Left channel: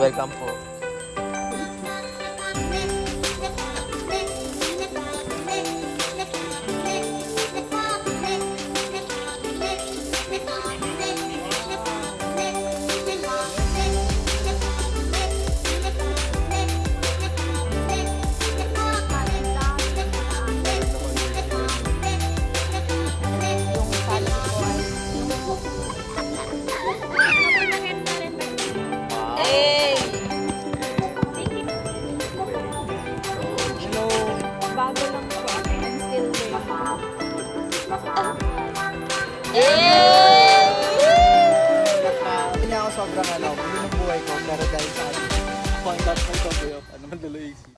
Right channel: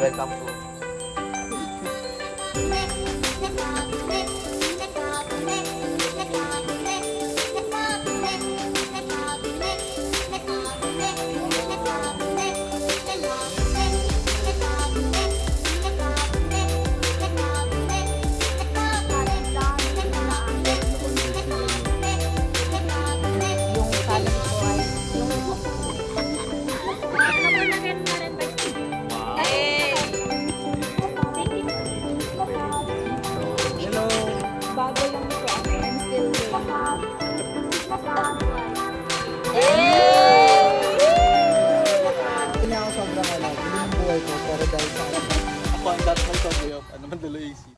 Welcome po. Bago lang po ako. I'm still learning. Hindi ako sobrang pili ng buhay ko para dahil sa akin. Ako ang dapat may kabuyo. Ano man dalo isip.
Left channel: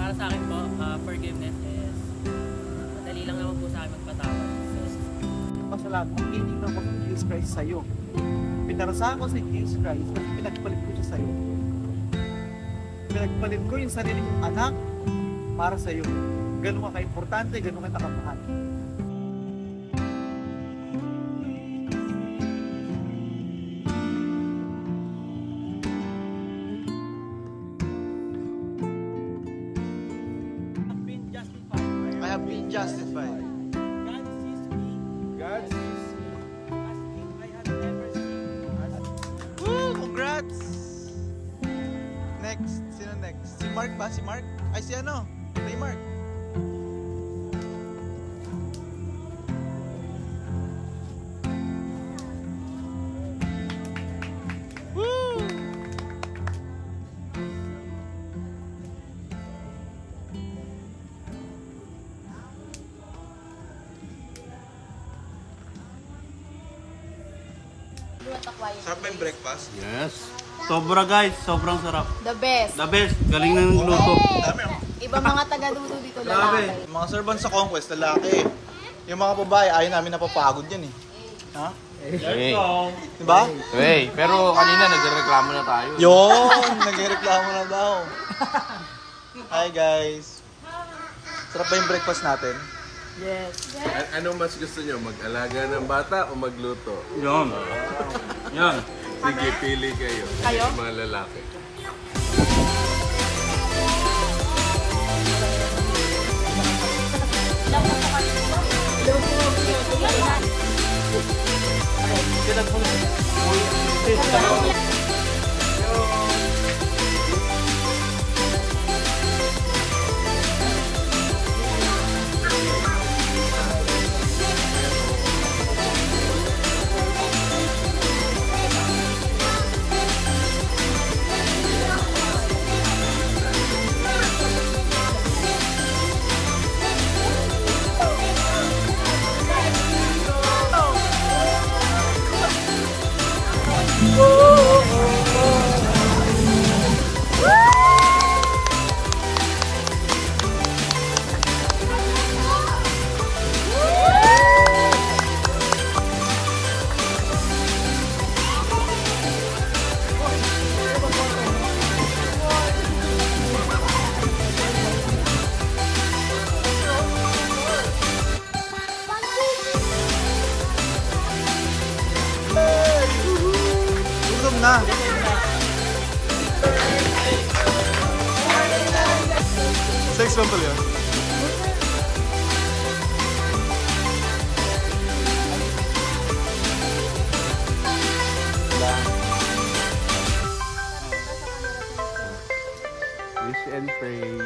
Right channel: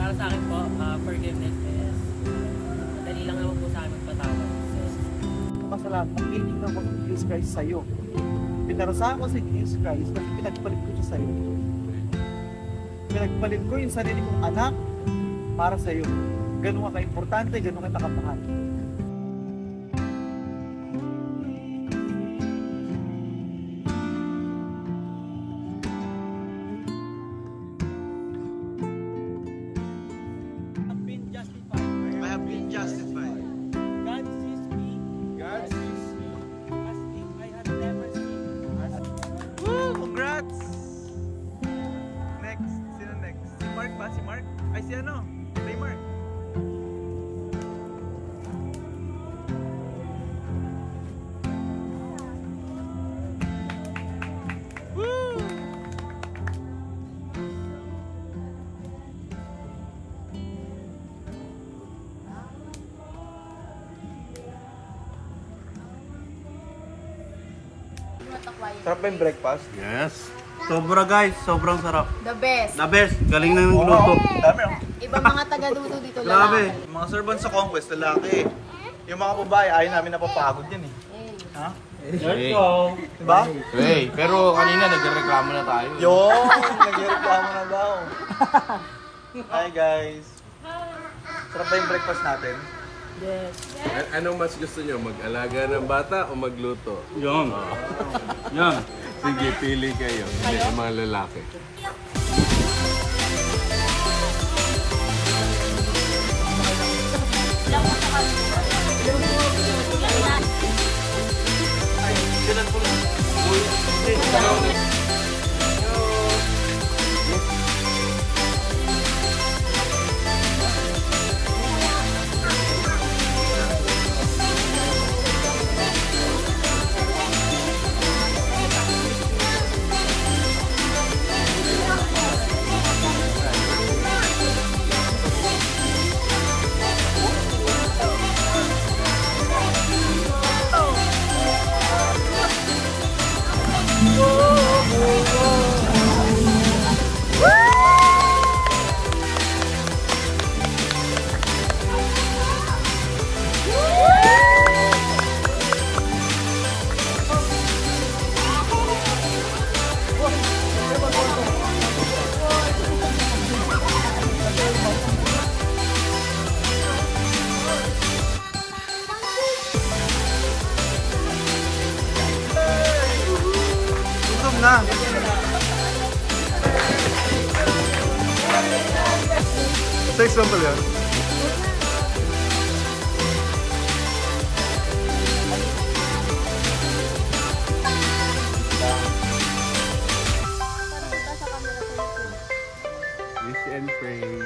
Para sa akin po, forgiveness is madali lang naman po sa akin magpatawad. Masalamat, mag-inig na ako sa Jesus Christ sa'yo. Pinarasahan ko sa Jesus Christ kasi pinagpalit ko siya sa'yo. Pinagpalit ko yung sarili kong anak para sa'yo. Ganun ka ka-importante, ganun ka nakamahal. Justified. God sees me. God sees me. As if I have never seen. Woo! Congrats! Next. Sino next? Si Mark ba? Si Mark? Ay, si ano? Ray Mark. Woo! Sarap ba yung breakfast? Yes. Sobra guys, sobrang sarap. The best. The best, galing na ng luto. Dami oh. Ibang mga taga-luto dito Grabe. lalaki. Mga servants sa Conquest, lalaki. Yung mga babae, ayaw namin napapagod yan eh. Ha? Hey. Diba? Hey, pero kanina nagreklamo na tayo. Yung! Nagreklamo na daw. Hi guys. Sarap ba yung breakfast natin? Yes. Anong mas gusto nyo? Mag-alaga ng bata o magluto? Yan. Yan. Sige, pili kayo. Kayo? Mga lalaki. Na. Text lang pala yan. Wish and pray.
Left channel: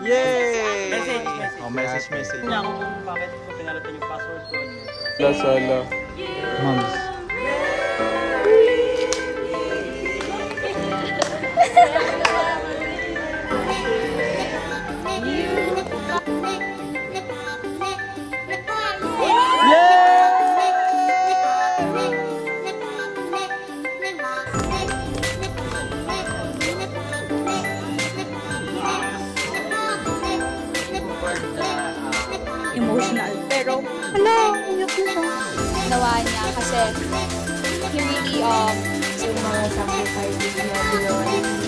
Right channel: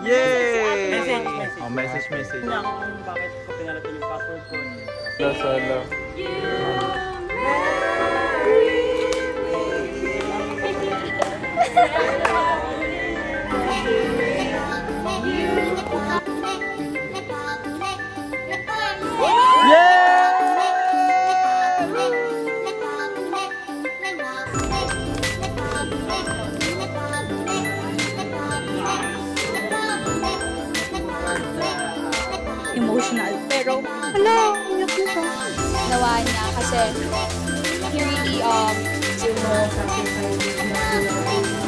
Yay! Message. Oh, message. Hindi ako kung bakit ko pinalitan yung password ko. Emotional. Pero, uyak na siya. Nawa niya kasi he really, sacrifice